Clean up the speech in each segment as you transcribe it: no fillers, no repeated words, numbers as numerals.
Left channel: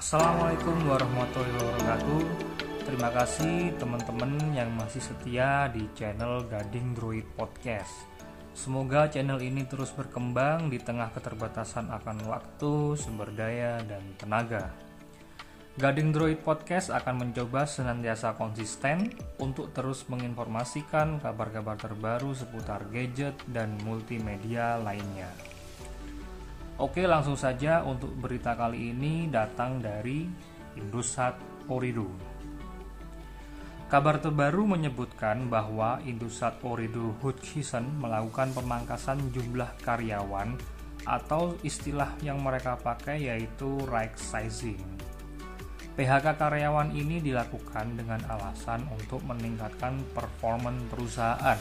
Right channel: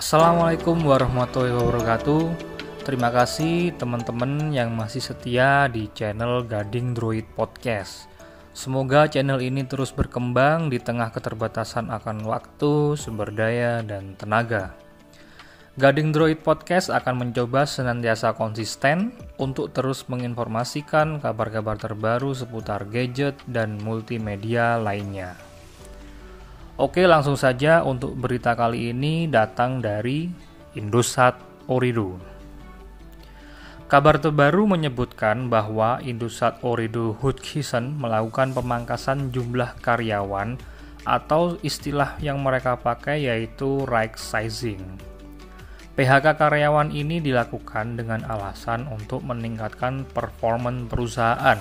Assalamualaikum warahmatullahi wabarakatuh. Terima kasih teman-teman yang masih setia di channel Gading Droid Podcast. Semoga channel ini terus berkembang di tengah keterbatasan akan waktu, sumber daya, dan tenaga. Gading Droid Podcast akan mencoba senantiasa konsisten untuk terus menginformasikan kabar-kabar terbaru seputar gadget dan multimedia lainnya. Oke, langsung saja untuk berita kali ini datang dari Indosat Ooredoo. Kabar terbaru menyebutkan bahwa Indosat Ooredoo Hutchison melakukan pemangkasan jumlah karyawan atau istilah yang mereka pakai yaitu right sizing. PHK karyawan ini dilakukan dengan alasan untuk meningkatkan performa perusahaan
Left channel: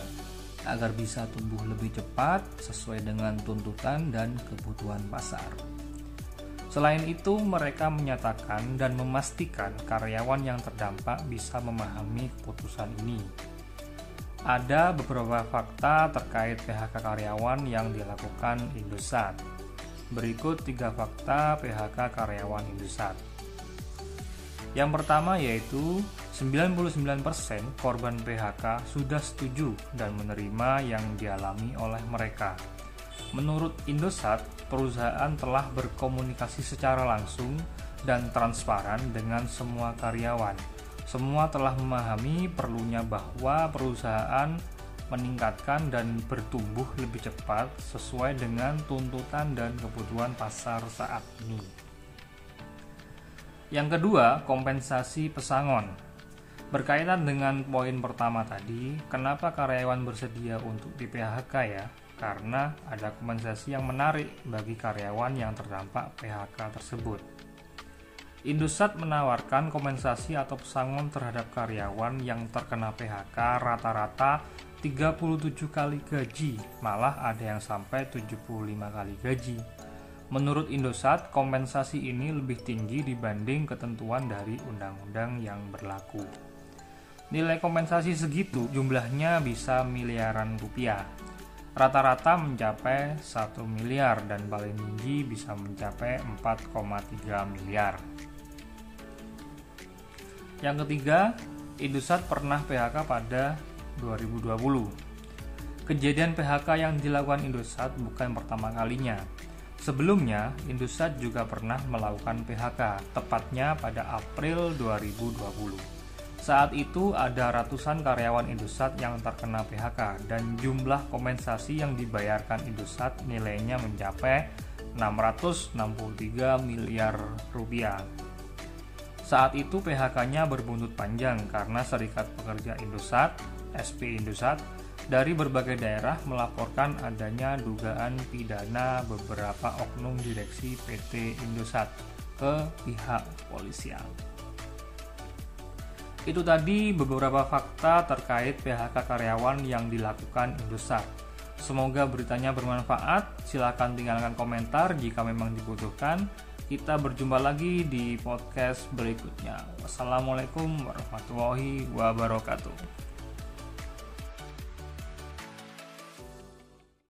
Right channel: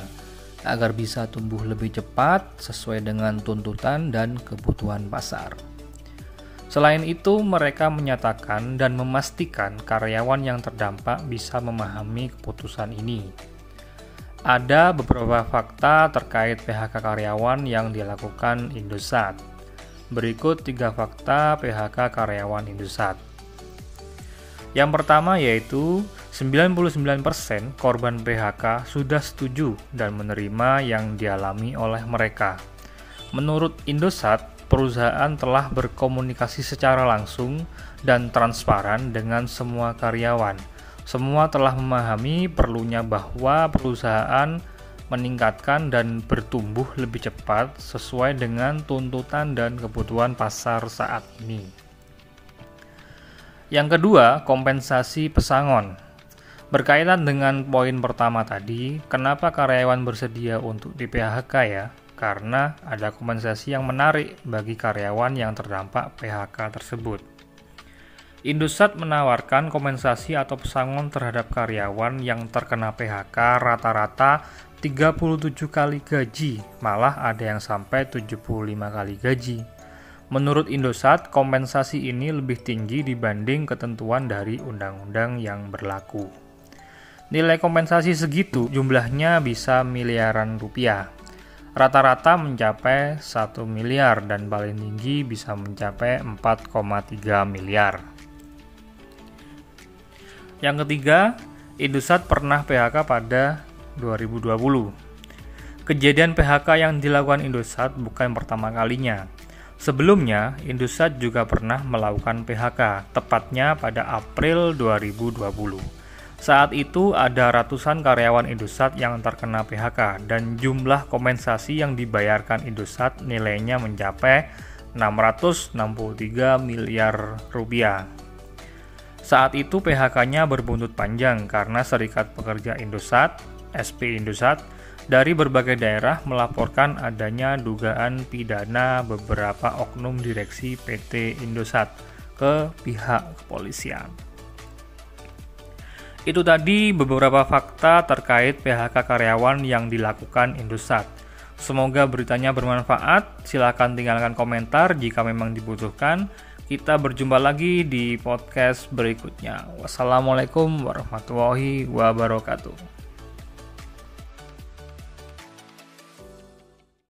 agar bisa tumbuh lebih cepat sesuai dengan tuntutan dan kebutuhan pasar. Selain itu, mereka menyatakan dan memastikan karyawan yang terdampak bisa memahami keputusan ini. Ada beberapa fakta terkait PHK karyawan yang dilakukan Indosat. Berikut 3 fakta PHK karyawan Indosat. Yang pertama yaitu 99% korban PHK sudah setuju dan menerima yang dialami oleh mereka. Menurut Indosat, perusahaan telah berkomunikasi secara langsung dan transparan dengan semua karyawan. Semua telah memahami perlunya bahwa perusahaan meningkatkan dan bertumbuh lebih cepat sesuai dengan tuntutan dan kebutuhan pasar saat ini. Yang kedua, kompensasi pesangon. Berkaitan dengan poin pertama tadi, kenapa karyawan bersedia untuk di-PHK ya? Karena ada kompensasi yang menarik bagi karyawan yang terdampak PHK tersebut. Indosat menawarkan kompensasi atau pesangon terhadap karyawan yang terkena PHK rata-rata 37 kali gaji, malah ada yang sampai 75 kali gaji. Menurut Indosat, kompensasi ini lebih tinggi dibanding ketentuan dari undang-undang yang berlaku. Nilai kompensasi segitu jumlahnya bisa miliaran rupiah. Rata-rata mencapai 1 miliar dan paling tinggi bisa mencapai 4,3 miliar. Yang ketiga, Indosat pernah PHK pada 2020. Kejadian PHK yang dilakukan Indosat bukan pertama kalinya. Sebelumnya, Indosat juga pernah melakukan PHK, tepatnya pada April 2020. Saat itu ada ratusan karyawan Indosat yang terkena PHK dan jumlah kompensasi yang dibayarkan Indosat nilainya mencapai 663 miliar rupiah. Saat itu PHK-nya berbuntut panjang karena Serikat Pekerja Indosat, SP Indosat, dari berbagai daerah melaporkan adanya dugaan pidana beberapa oknum direksi PT Indosat ke pihak kepolisian. Itu tadi beberapa fakta terkait PHK karyawan yang dilakukan Indosat. Semoga beritanya bermanfaat. Silakan tinggalkan komentar jika memang dibutuhkan. Kita berjumpa lagi di podcast berikutnya. Wassalamualaikum warahmatullahi wabarakatuh.